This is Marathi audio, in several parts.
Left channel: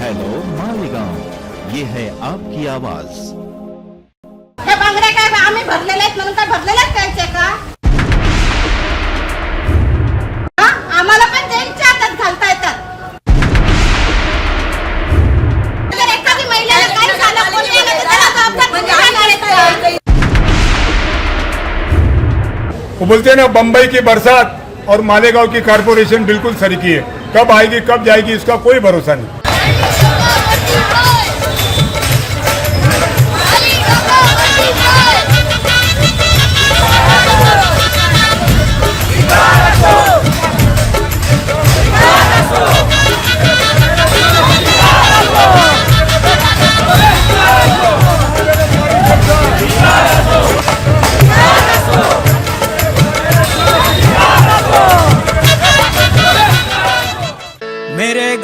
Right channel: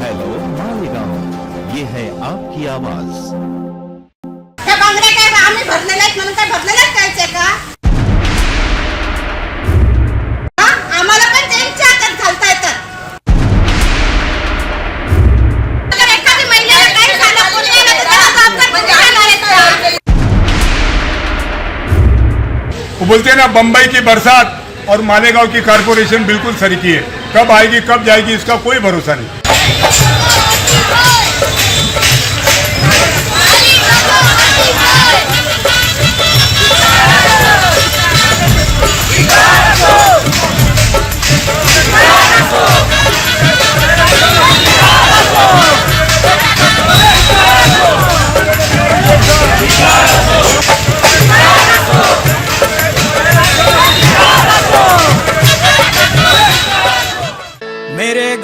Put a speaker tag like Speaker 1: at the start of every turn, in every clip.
Speaker 1: हेलो मालेगांव ये है आपकी आवाज़।
Speaker 2: हे बांगड्या काय आम्ही भरलेल्या आहेत म्हणून काय भरलेल्याच करायचंय का हा? आम्हाला पण जेलच्या हातात घालता येतात जर एखादी महिलेला काही झालं, कोणी आलं तर त्याला जबाबदार कोणी राहणार आहे?
Speaker 3: वो बोलते हैं ना बम्बई की बरसात और मालेगांव की कारपोरेशन बिल्कुल सरीकी है। कब आएगी कब जाएगी इसका कोई भरोसा नहीं।
Speaker 4: Hey, you're going to run!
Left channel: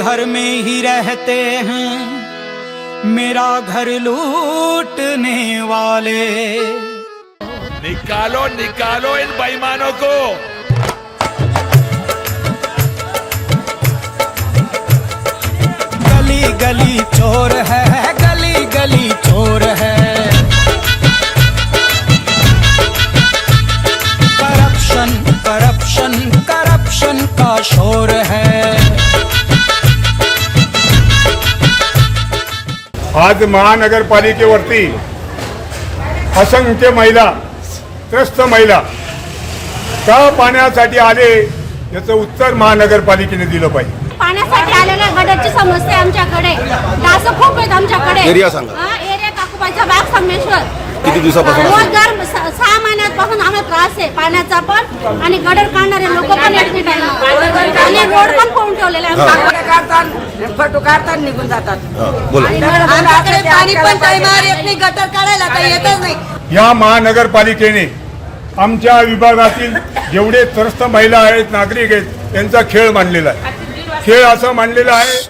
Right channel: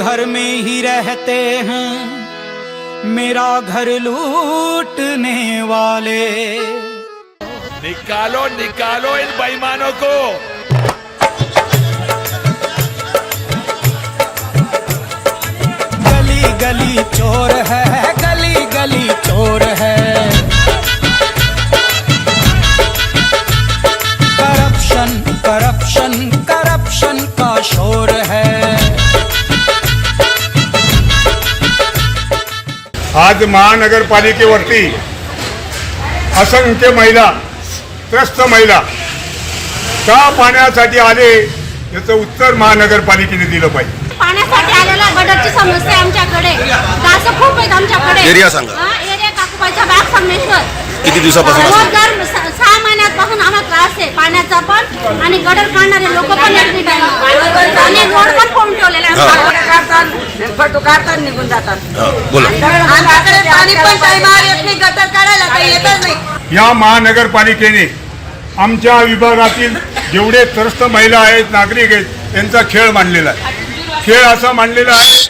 Speaker 4: घर में ही रहते हैं। मेरा घर लूटने वाले।
Speaker 5: निकालो निकालो इन बेईमानों को।
Speaker 4: गली गली चोर है गली गली चोर है। करप्शन करप्शन करप्शन का शोर है।
Speaker 3: आज महानगरपालिकेवरती असंख्य महिला त्रस्त महिला का पाण्यासाठी आले याचं उत्तर महानगरपालिकेने दिलं पाहिजे
Speaker 2: पाण्यासाठी आलेल्या गटारची समस्या आहे आमच्याकडे डास खूप आहेत आमच्याकडे
Speaker 6: एरिया सांगा.
Speaker 2: हा, एरिया काकूबाईचा बाग
Speaker 6: किती दिवसापासून
Speaker 2: रोज? दर सहा महिन्यापासून आम्हाला त्रास आहे पाण्याचा पण आणि गडर काढणारे लोक पण ऍडमिट आहे आणि रोड पण फोडून ठेवलेले
Speaker 6: हा.
Speaker 7: फोटो काढतात निघून जातात.
Speaker 6: हा, बोला.
Speaker 7: आमच्याकडे पाणी पण टायमावर येत नाही गटर काढायला काही येतच नाही.
Speaker 3: या महानगरपालिकेने आमच्या विभागातील जेवढे त्रस्त महिला आहेत नागरिक आहेत त्यांचा खेळ मांडलेला आहे. खेळ असा मांडलेला आहे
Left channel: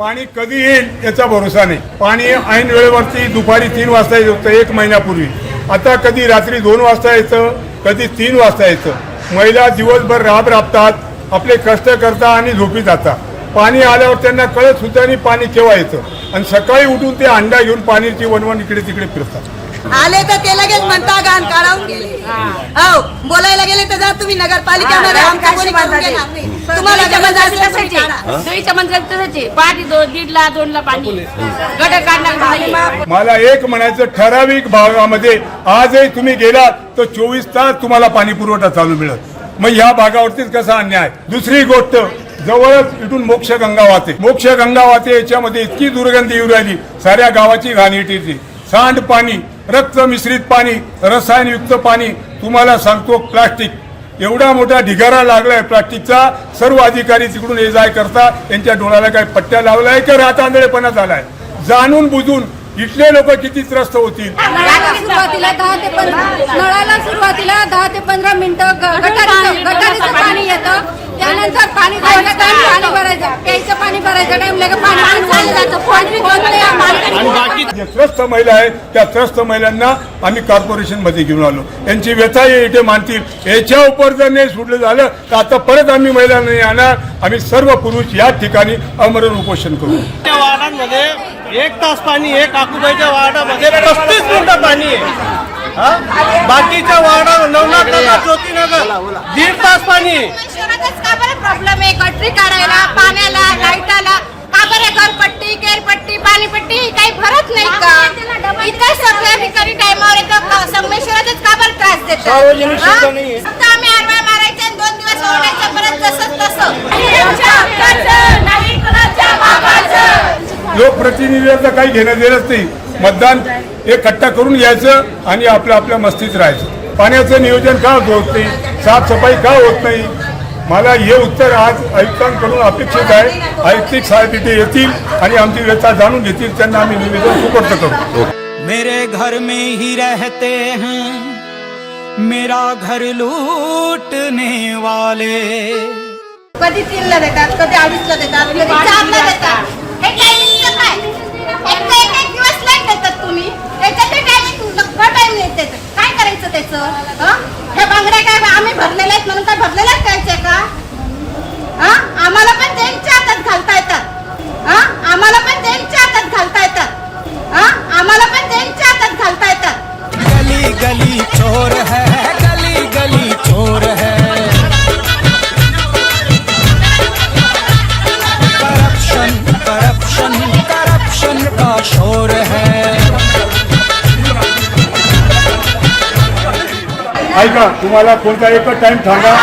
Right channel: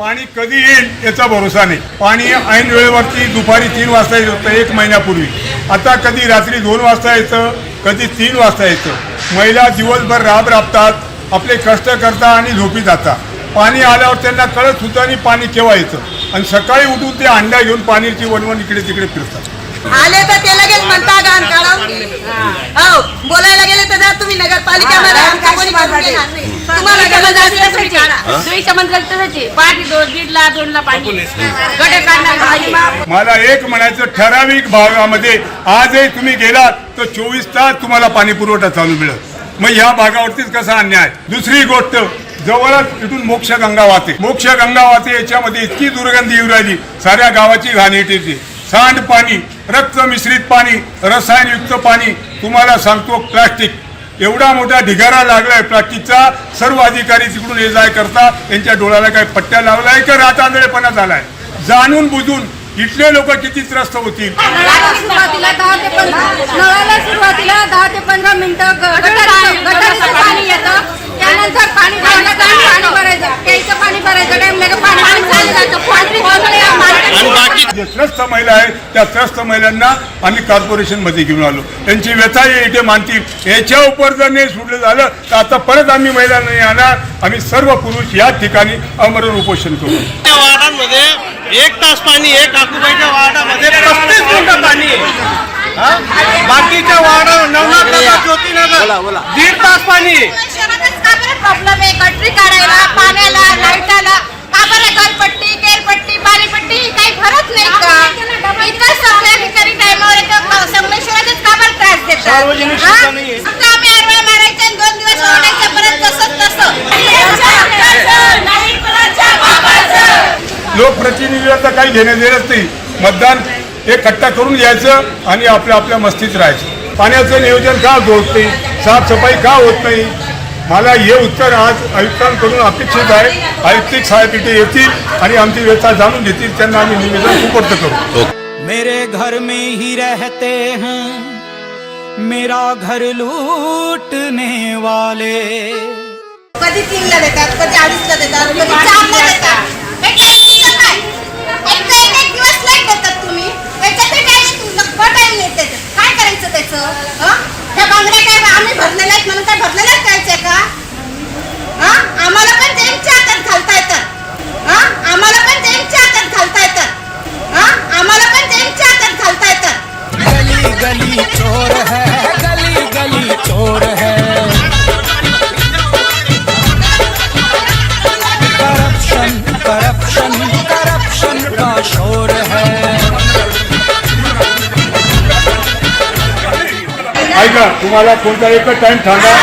Speaker 3: पाणी कधी येईल याचा भरोसा नाही. पाणी ऐन वेळेवरती दुपारी तीन वाजता येत होतं एक महिन्यापूर्वी. आता कधी रात्री दोन वाजता येतं कधी तीन वाजता येतं. महिला दिवसभर राब राबतात आपले कष्ट करतात आणि झोपी जातात पाणी आल्यावर त्यांना कळत होतं आणि पाणी केव्हा येतं. आणि सकाळी उठून ते अंडा घेऊन पाण्याची वणवण इकडे तिकडे फिरतात.
Speaker 7: आले तर ते लगेच म्हणता गाण काढावून घे. हो बोलायला गेले तर जा तुम्ही नगरपालिकेमध्ये कोणी घेणार नाही. तुम्हाला तसंच
Speaker 2: दोन पाणी काढणार
Speaker 3: मला एक म्हणायचं ठराविक भागामध्ये आजही तुम्ही गेलात तर चोवीस तास तुम्हाला पाणी पुरवठा चालू मिळत मग ह्या भागावरतीच कसा अन्याय? दुसरी गोष्ट जवळच इथून मोक्ष गंगा वाहते. मोक्ष गंगा वाहते याच्यामध्ये इतकी दुर्गंधी येऊ राहिली साऱ्या गावाची घाणेटीची सांड पाणी रक्त मिश्रित पाणी रसायनयुक्त पाणी तुम्हाला सांगतो प्लास्टिक. एवढा मोठा ढिगारा लागलाय प्लास्टिकचा सर्व अधिकारी तिकडून ये जाय करता त्यांच्या डोळ्याला काय पट्ट्या लावलाय का रात आंधळेपणा झालाय? जाणून बुजून इथले लोक किती त्रस्त होतील?
Speaker 2: सुरुवातीला दहा ते पंधरा नळाला सुरुवातीला दहा ते पंधरा मिनिटं गटारीचं पाणी येतं. त्यानंतर पाणी भरायला पाणी भरायचं. प्यायचं पाणी भरायचं पाणी.
Speaker 3: जे त्रस्त महिला आहेत त्या त्रस्त महिलांना आम्ही कॉर्पोरेशनमध्ये घेऊन आलो. त्यांची व्यथा हे इथे मानतील याच्या उपर जर नाही सुटलं झालं तर आता परत आम्ही महिला नाही आणणार. आम्ही सर्व पुरुष या ठिकाणी अमरण उपोषण करू.
Speaker 8: त्या वार्डांमध्ये एक तास पाणी आहे काकूबाईच्या वार्डामध्ये पस्तीस मिनिटं पाणी आहे? बाकीच्या वार्डा नवनाथ नगर ज्योतिनगर. दीड तास पाणी. आहे
Speaker 2: शहरातच का बरं प्रॉब्लेम आहे? गटरी काढायला पाण्याला लाईटाला. का बरं घरपट्टी केरपट्टी पाणीपट्टी काही भरत नाही का? इतर सगळ्या ठिकाणी टायमावर येतं का बरं त्रास देतात?
Speaker 8: सार्वजनिक
Speaker 2: हा?
Speaker 8: सुविधा नाहीये.
Speaker 2: फक्त आम्ही आडवा मारायचे आणि दोन दिवस ओरडायचे परत तसंच तसं.
Speaker 3: लोकप्रतिनिधीचं काही घेणं देणंच नाही. मतदान हे कट्टा करून घ्यायचं आणि आपल्या आपल्या मस्तीत राहायचं. पाण्याचं नियोजन का होत नाही साफसफाई का होत नाही? मला हे उत्तर आज आयुक्तांकडून अपेक्षित आहे. आयुक्तिक साहेब इथे येतील आणि आमची व्यथा जाणून घेतील. त्यांना आम्ही निवेदन सुपूर्द करू.
Speaker 4: मेरे घर में ही रहते हैं। मेरा घर लूटने वाले।
Speaker 2: कधी तीनला देतात कधी अडीचला देतात कधी चारला देतात. काय करायचं हे? बांगड्या काय आम्ही भरलेल्या आहेत म्हणून काय भरलेल्या करायचंय का? आम्हाला पण त्यांच्या हातात घालता येतात. आम्हाला पण
Speaker 4: त्यांच्या हातात घालता येतात.
Speaker 3: आम्हाला पण त्यांच्या हातात घालता येतात. गली गली
Speaker 2: चोर है गली गली चोर है। करप्शन करप्शन करप्शन का शोर है। ऐका तुम्हाला कोणता एकच
Speaker 3: टाइम थांबा.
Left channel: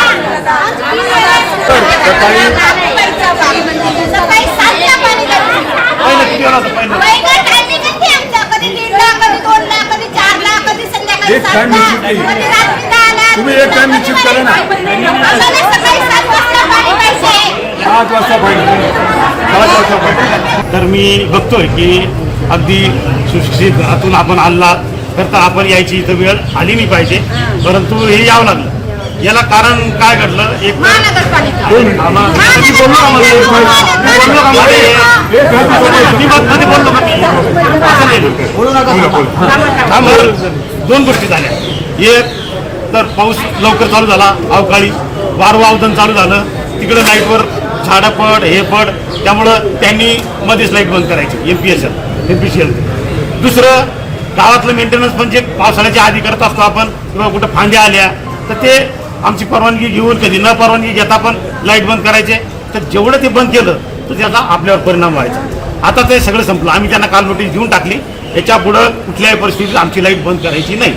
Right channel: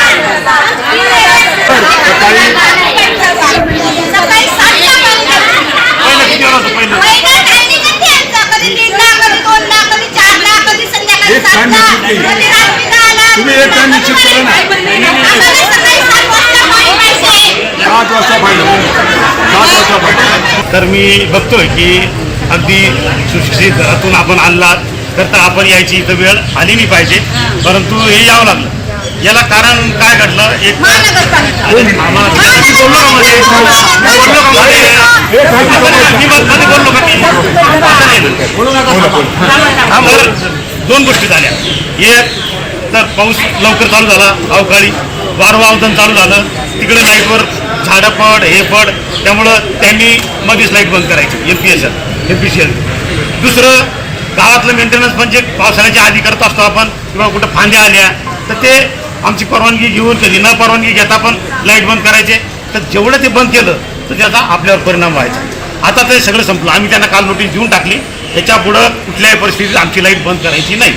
Speaker 2: तर
Speaker 3: सकाळी एक
Speaker 2: टाइम निश्चित नाही
Speaker 3: तुम्ही एक टाइम निश्चित करा ना. पाच वाजता पाहिजे पाच वाजता पाहिजे
Speaker 6: तर मी बघतोय की अगदी सुशिक्षित आपण आणलात तर तर आपण यायची इथं वेळ आली नाही पाहिजे. परंतु हे यावं लागलं. याला कारण काय घडलं? एक बोललो. दोन गोष्टी झाल्या. एक तर पाऊस लवकर चालू झाला अवकाळी. वारं अवधन चालू झालं. तिकडं लाईटवर झाडं पड हे पड त्यामुळं त्यांनी मध्येच लाइट बंद करायची. M P S L. M P C L. दुसरं गावातलं मेंटेनन्स पण जे पावसाळ्याच्या आधी करत असतो आपण. किंवा कुठं फांद्या आल्या तर ते आमची परवानगी घेऊन कधी न परवानगी घेता पण लाइट बंद करायचे. तर जेवढं ते बंद केलं तर त्याचा आपल्यावर परिणाम व्हायचा. आता ते सगळं संपलं. आम्ही त्यांना काल नोटीस देऊन टाकली. त्याच्या पुढं कुठल्याही परिस्थितीत आमची लाइट बंद करायची नाही.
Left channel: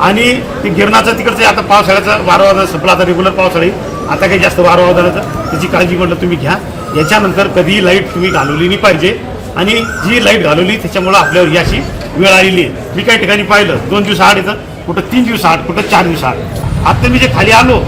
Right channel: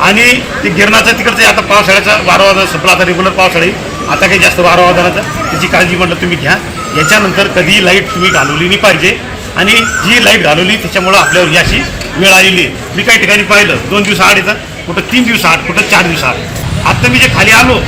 Speaker 6: आणि ते गिरणाचं तिकडचं आता पावसाळ्याचं वारंवार संपला संपलं आता रेग्युलर पावसाळी. आता काही जास्त वारं वादळाचं त्याची काळजी म्हटलं तुम्ही घ्या. याच्यानंतर कधीही लाइट तुम्ही घालवली नाही पाहिजे. आणि जी लाइट घालवली त्याच्यामुळं आपल्यावर याशी वेळ आलेली आहे. मी काही ठिकाणी पाहिलं दोन दिवस आड येतं कुठं तीन दिवस आड कुठं चार दिवस आड. आता मी जे खाली आलो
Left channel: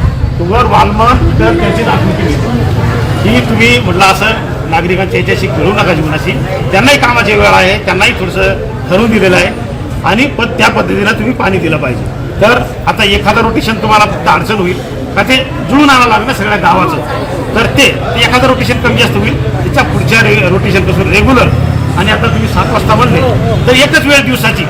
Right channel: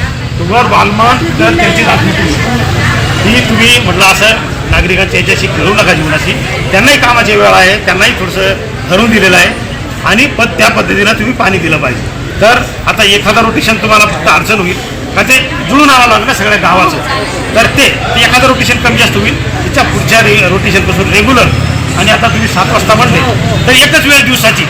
Speaker 6: वर वालमान तर त्यांची राखणी होती. ही तुम्ही म्हटलं असं नागरिकांच्या याच्याशी फिरू नका जीवनाशी. त्यांनाही कामाची वेळ आहे त्यांनाही थोडंसं ठरवून दिलेलं आहे. आणि पण त्या पद्धतीनं तुम्ही पाणी दिलं पाहिजे. तर आता एखादं रोटेशन तुम्हाला फक्त अडचण होईल. का ते जुळून आणावं लागलं सगळ्या गावाचं. तर ते ते एखादं रोटेशन कमी जास्त होईल. त्याच्या पुढच्या रे रोटेशनपासून रेग्युलर आणि आता तुम्ही सात वाजता म्हणले तर एकच वेळ दिवसाची.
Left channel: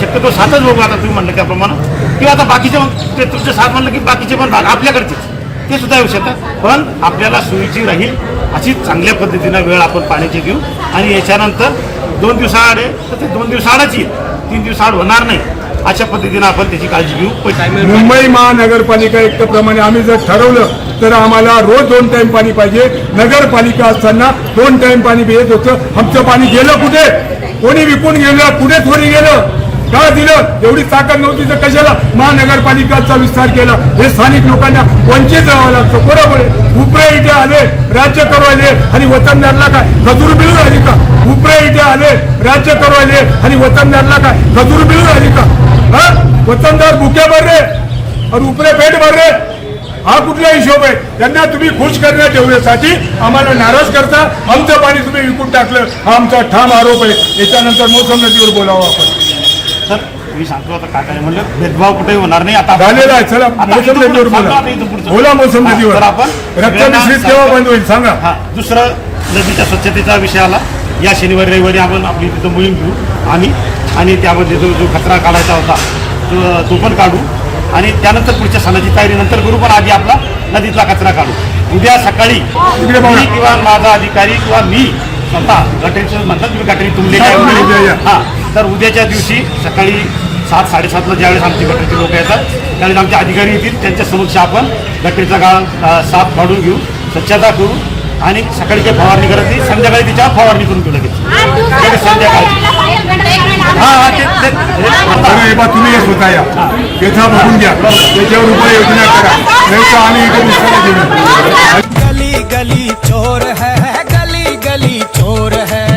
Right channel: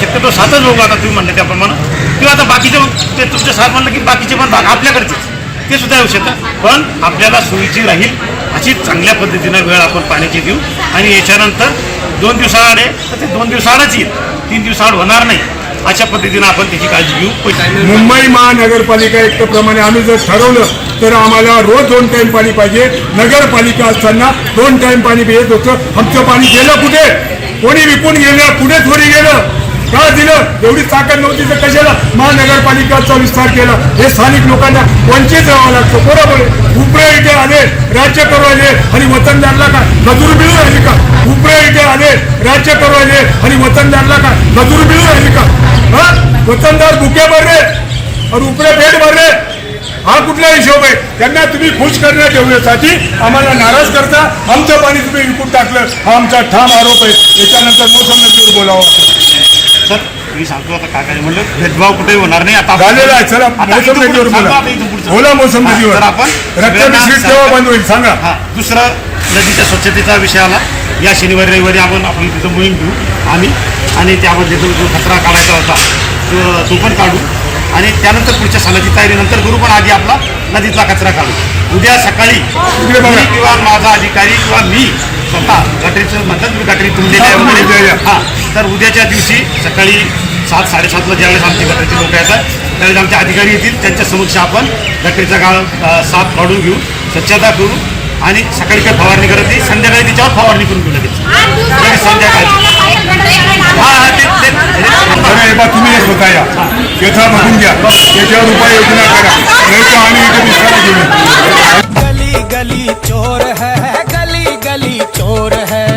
Speaker 6: शक्यतो सातच बघू आता तुम्ही म्हणलं त्याप्रमाणे. किंवा आता बाकीचे मग ते तुमचे सात म्हणलं की बाकीचे पण भाग आपल्याकडचेच ते सुद्धा येऊ शकतं. पण आपल्याला सोयीची राहील अशी चांगल्या पद्धतीनं वेळ आपण पाण्याची देऊ. आणि याच्यानंतर दोन दिवसाआडे तर ते दोन दिवसाआडच येईल. तीन दिवसाआड होणार नाही. अशा पद्धतीनं आपण त्याची काळजी घेऊ.
Speaker 3: मुंबई महानगरपालिका एकट्याप्रमाणे आम्ही जर ठरवलं तर आम्हाला रोज दोन टाइम पाणी पाहिजे. नगरपालिका असताना दोन टाइम पाणी येत होतं. आमचं पाणी गेलं कुठे? कोणी विकून गेलं? कुठे थोडी गेलं? का दिलं एवढी ताकद नव्हती तर कशाला महानगरपालिकाचा विस्तार केला? हे स्थानिक लोकांना वंचित राहावं लागतं बरोबर आहे. उपरे इथे आले राज्य करू आले आणि वतनदारला काय? नजूर मिळून राहिली का? उपरे इथे आले राज्य करू आले आणि वतनदारला काय? नजूर मिळून राहिली का? हा? वतनदार भुके भरले आणि उपरे पेट भरले. हा कुठला हिशोब आहे? त्यांना तुम्ही खुश करण्यात ठेवण्यासाठी आम्हाला नाराज करता आमचं पाणी तुम्ही विकून टाकलं. हा आमचा ठाम आरोप आहे. याच्यानंतर मोसम नदीवर बोलावं आपण.
Speaker 6: सर मी सांगतो आता काय काय म्हणलं. भेदभाव कुठेही होणार नाही. आता
Speaker 3: झालेला आहे चला
Speaker 6: आता
Speaker 3: मोसम नदीवर बोला
Speaker 6: सांगा आता इथून पुढचं.
Speaker 3: बोला मोसम
Speaker 6: हा,
Speaker 3: नदीवर
Speaker 6: तर आपण
Speaker 3: केव्हा बंद होईल सांगा.
Speaker 6: हा दुसरं नदीच्या स्वच्छतेचा विषय आला. या शनिवारी रविवारी आपण आपली तिथं मोहीम घेऊ. आम्ही आणि त्यामध्ये जो जो कचरा काढायचा होता तो तो पण काढू. आणि त्यानंतर पुढच्या सणाची तयारी नंतर करू पण आधी आपला नदीतला कचरा काढू. उद्या सकाळी
Speaker 3: इकडे बघा.
Speaker 6: मी किंवा माझा अधिकारी किंवा मी स्वतः गटरीचं म्हणतात तुम्ही गटरी तुमली
Speaker 3: हा, तुंबलेली आहे, या.
Speaker 6: हा तर उद्याच्या दिवशी सकाळी सात साडेसातला ज्यावेळेस आमची गटाची लोक येतात त्यावेळेस आमचे अधिकारी येतील त्यांच्या समक्ष आपण गटरीचा गाळ साफ काढून घेऊ स्वच्छता करू आणि सकाळी काही फवारणी करत नाही संध्याकाळी त्याच्यावर फवारणी करून दिलं जाईल. लगेच संध्याकाळी. हा ते
Speaker 3: तुम्ही हे स्वतः या. त्याचा बघून घ्या. त्याच्यावर उपाययोजना करा. नाही तर आम्ही इथे विस्तारा घेऊ.
Speaker 4: गली गली चोर है चोर है।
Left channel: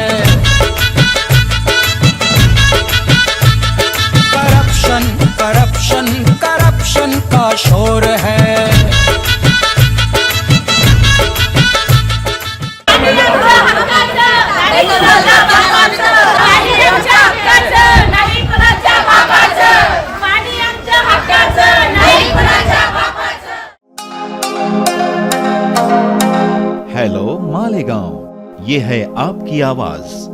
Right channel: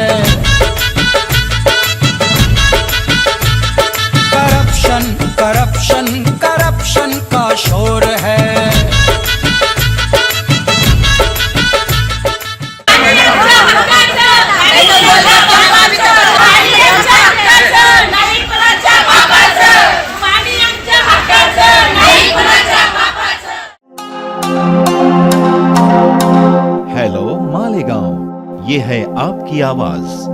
Speaker 4: करप्शन करप्शन करप्शन का शोर है।
Speaker 1: हेलो मालेगांव ये है आपकी आवाज।